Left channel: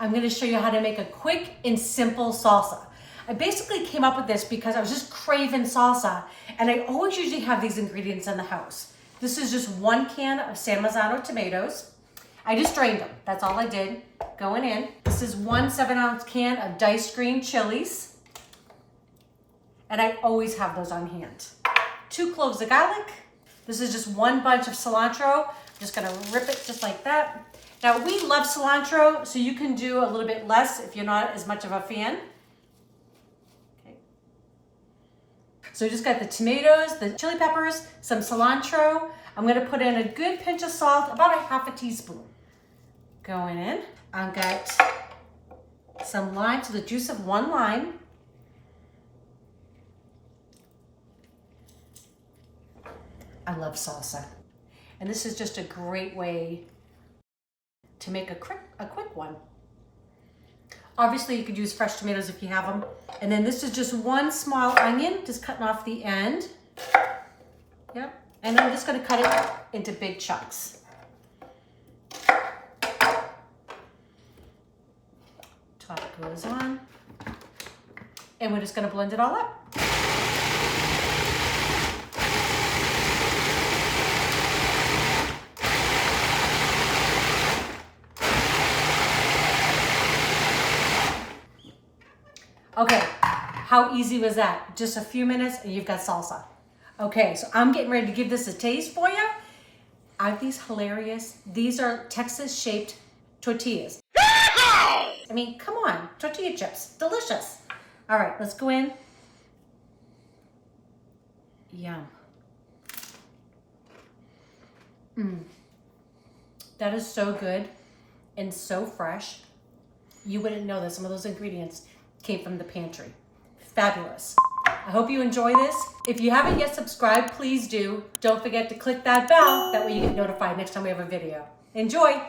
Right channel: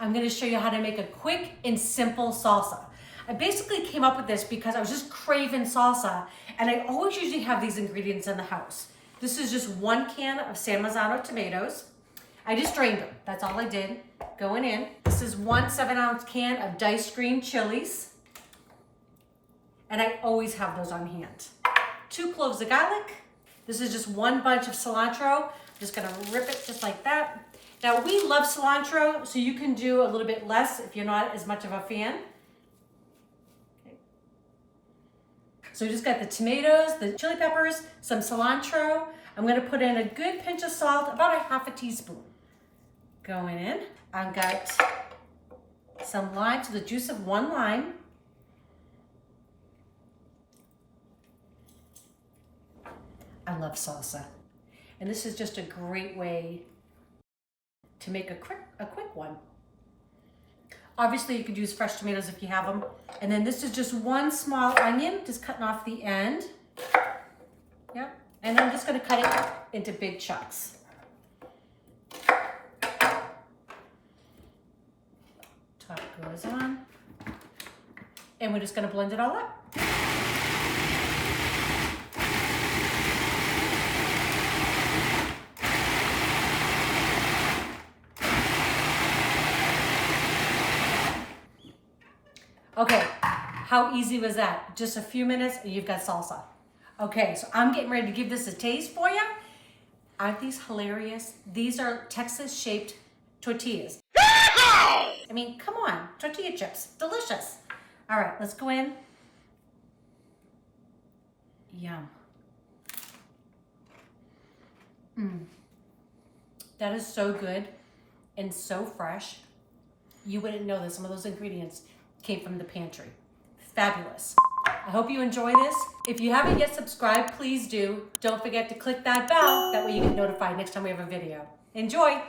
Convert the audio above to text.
I'm gonna show you how to make a quick and simple salsa. I basically came up with this because I was just craving salsa, and I always usually have these ingredients in the house. This is just 1 can of San Marzano tomatoes. I just drained them, that's all I did, going in. This is 1 7-ounce can of diced green chilies, and I always have those on hand. 2 cloves of garlic. This is just 1 bunch of cilantro. I'm just gonna rip it just like that. Now we love cilantro, so you can do a little bit less if you're not as much of a fan. Okay. So you just got the tomatoes, the chili peppers, some cilantro. I'm gonna put in a good pinch of salt, about a half a teaspoon. Going in. I've got some lime, so the juice of 1 lime. I love salsa. And this is just a great way to make a quick one. Obviously you could use fresh tomatoes if you have them. And then this is just 1 small onion, just cutting off the end. Yep. And I'm just gonna cut it into big chunks. Top goes on. And we're just gonna blend it all up. Okay, how easy was that? Just a few minutes and you've got salsa. Okay, so I'm getting ready to give this a taste for you. Aren't these hilarious? These are Texas-shaped tortillas. I mean, come on, tortilla chips, delicious. All right, let's go in. Yum. That is so good and so fresh. You wouldn't know that some of those ingredients came from the pantry. Fabulous. I hope you enjoy this. If you haven't yet subscribed, please do. Don't forget to click that bell. That way you get notified next time we have a video. Enjoy.